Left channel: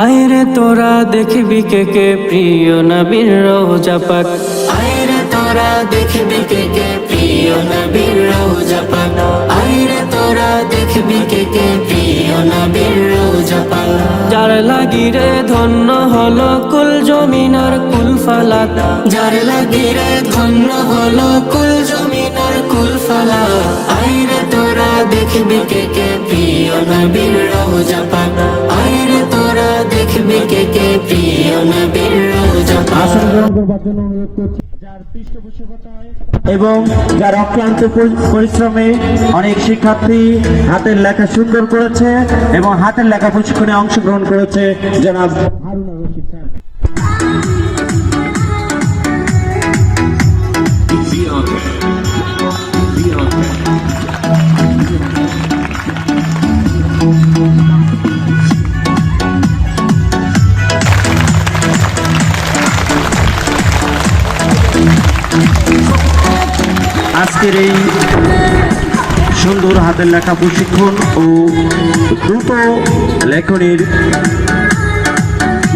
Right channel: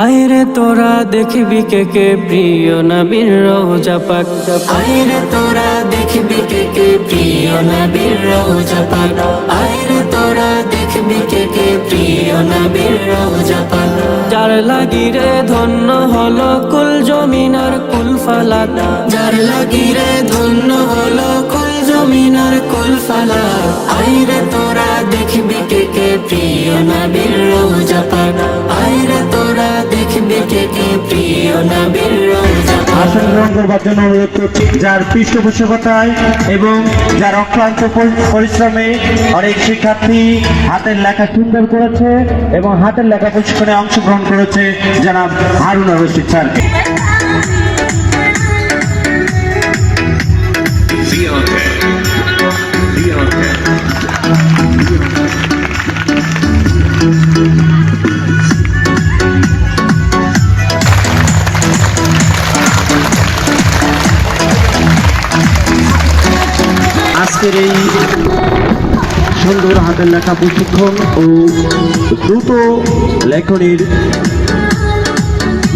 আয়রে তোরা দেখবি কে কে প্রিয় নবীর রোজা পাক। আয়রে তোরা দেখবি কে কে প্রিয় নবীর রোজা পাক। আয়রে তোরা দেখবি কে কে প্রিয় নবীর রোজা পাক। যার লাগি রে ধন্য হলো কুল জমিনার কুল ফালাক। যার লাগি রে ধন্য হলো কুল জমিনার কুল ফালাক। আয়রে তোরা দেখবি কে কে প্রিয় নবীর করবার জন্য অনুরোধ করছি যার পৃষ্ঠপোষকতায় এবং যার অক্লান্ত পরি- পরিশ্রমে অনেক শিক্ষার্থী হাতের লেখা সুন্দর করেছে এবং হাতের লেখা প্রশিক্ষণে অংশগ্রহণ করেছে জনাব হারুন রশিদ স্যারকে। আজকের এই সুন্দর হাতের লেখা প্রশিক্ষণ ও দ্রুত লেখনের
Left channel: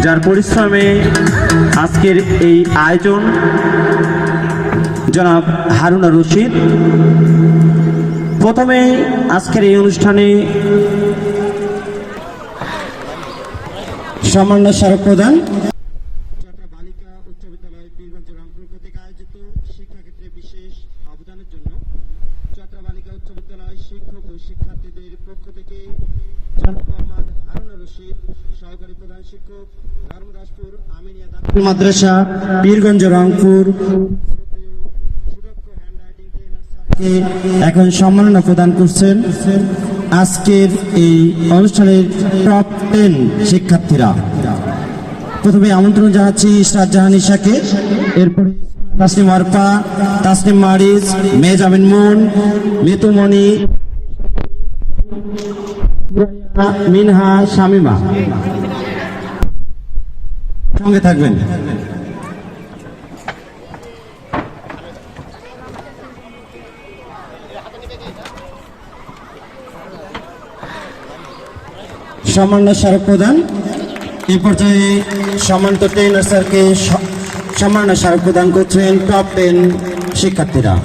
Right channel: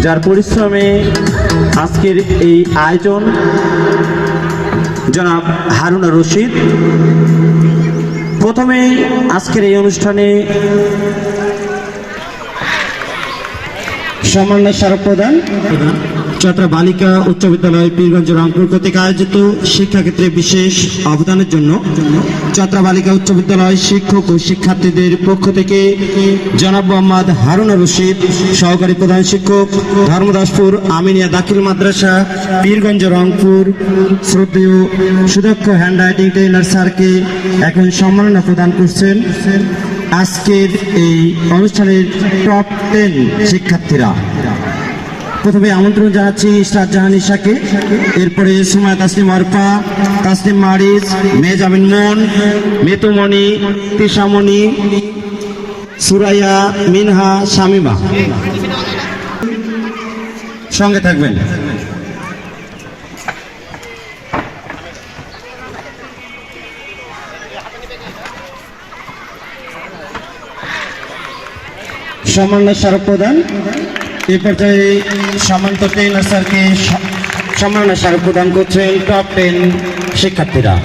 যার পরিশ্রমে আজকের এই আয়োজন, জনাব হারুনা রশিদ। প্রথমে আজকের এই অনুষ্ঠানে সম্মান্য স্মারক প্রদান। চট্রা বালিকা উচ্চ বিদ্যালয় পীরগঞ্জ রংপুর কর্তৃক আয়োজিত শিক্ষাক্ষেত্রে বিশেষ অবদানের জন্য চট্রা বালিকা উচ্চ বিদ্যালয় শিক্ষক ও শিক্ষার্থীদের পক্ষ থেকে জনাব মোহাম্মদ হারুন রশিদ, সহকারী প্রধান শিক্ষক, ধর্মদাসপুর আমিনিয়া দাখিল মাদ্রাসা, পীরগঞ্জ রংপুর। শ্রদ্ধেয় সুদক্ষ হ্যান্ড রাইটিং ট্রেনার স্যারকে এখন সম্মাননা প্রদান করছেন আজকের এই অনুষ্ঠানের টপ টেন শিক্ষার্থীরা। প্রথমে আমন্ত্রণ জানাচ্ছি ইসরাত জাহান ইশাকে এরপরে সুমায় তাসলিম আরফা তাসলিম মারিজ মেজামিন মুন মেতুমণি, তিশামণি, সুরাইয়া, মিনহা, শামিমা। সঙ্গে থাকবেন। সম্মান্য স্মারক প্রদান। এই পর্যায়ে সম্মানিত ট্রেনার স্যারকে স- সম্মাননা স্মারক প্রদান করছেন টপ টেন শিক্ষার্থীরা।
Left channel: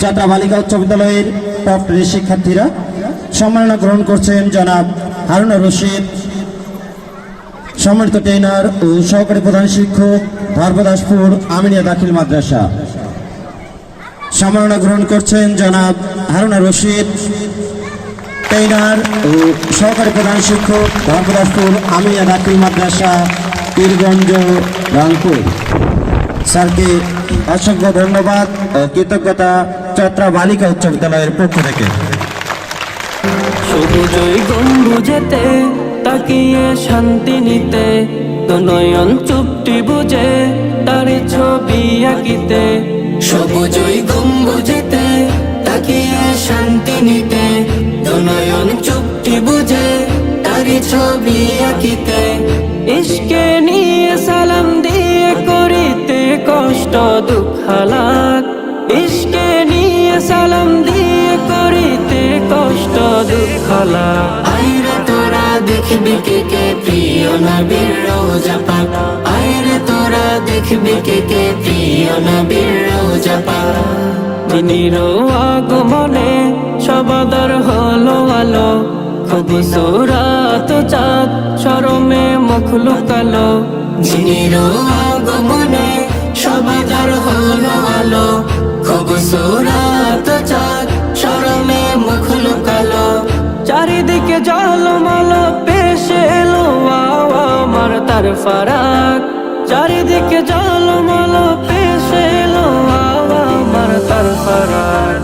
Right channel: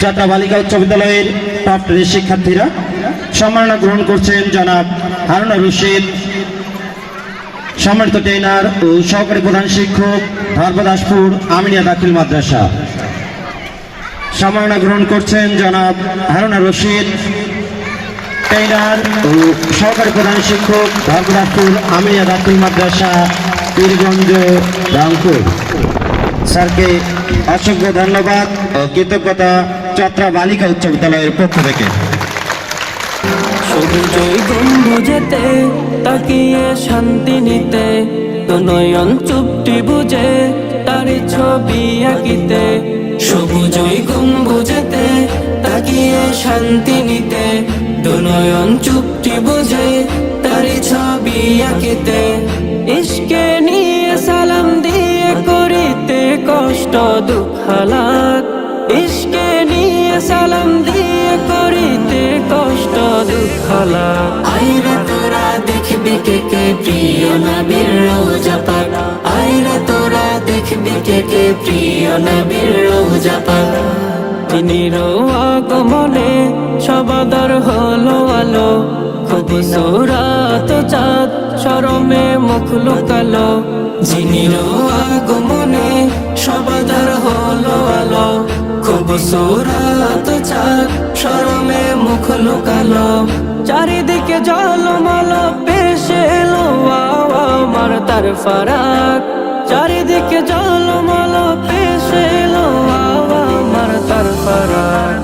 যাত্রা বালিকা উচ্চ বিদ্যালয়ের টপ টেন শিক্ষার্থীরা সম্মাননা গ্রহণ করছেন জনাব হারুন রশিদ। সম্মানিত ট্রেনার ও সহকারী প্রধান শিক্ষক ধর্মদাসপুর আমিনিয়া দাখিল মাদ্রাসা। সম্মাননা গ্রহণ করছেন জনাব হারুন রশিদ। ট্রেনার ও সহকারী প্রধান শিক্ষক ধর্মদাসপুর আমিয়া দাখিল মাদ্রাসা, পীরগঞ্জ, রংপুর। স্যারকে অসংখ্য ধন্যবাদ ও কৃতজ্ঞতা চত্রা বালিকা উচ্চ বিদ্যালয়ের পক্ষ থেকে। তাকিয়ে শান্তি নিতে নয়ন চুপটি বুঝে তার ছবি আঁকিতে। সবুজই গম্বুজেতে তাকিয়ে শান্তি নিতে নয়ন চুপটি বুঝে তার ছবি আঁকিতে। ইশকে নিয়ে সালাম দিয়ে করিতে কষ্ট দুঃখ হালাক ইশকে নিয়ে সালাম দিয়ে করিতে কষ্ট দুঃখ আইরে তোরা দেখবি কে কে প্রিয় নবীর রোজা পানা আইরে তোরা দেখবি কে কে প্রিয় নবীর রোজা পানা তিনির আগমনে সবাদর হলো আলো খুব সুরাত চাঁদ সরমে মুখ লুকালো। যিনির আগমনে সবাদর হলো আলো। চাঁদ সরমে মুখ লুকালো। চারিদিকে জলমল পেশে এলো আমার তার ফারাক। চারিদিকে জলমল পেশে এলো আমার তার ফারাক।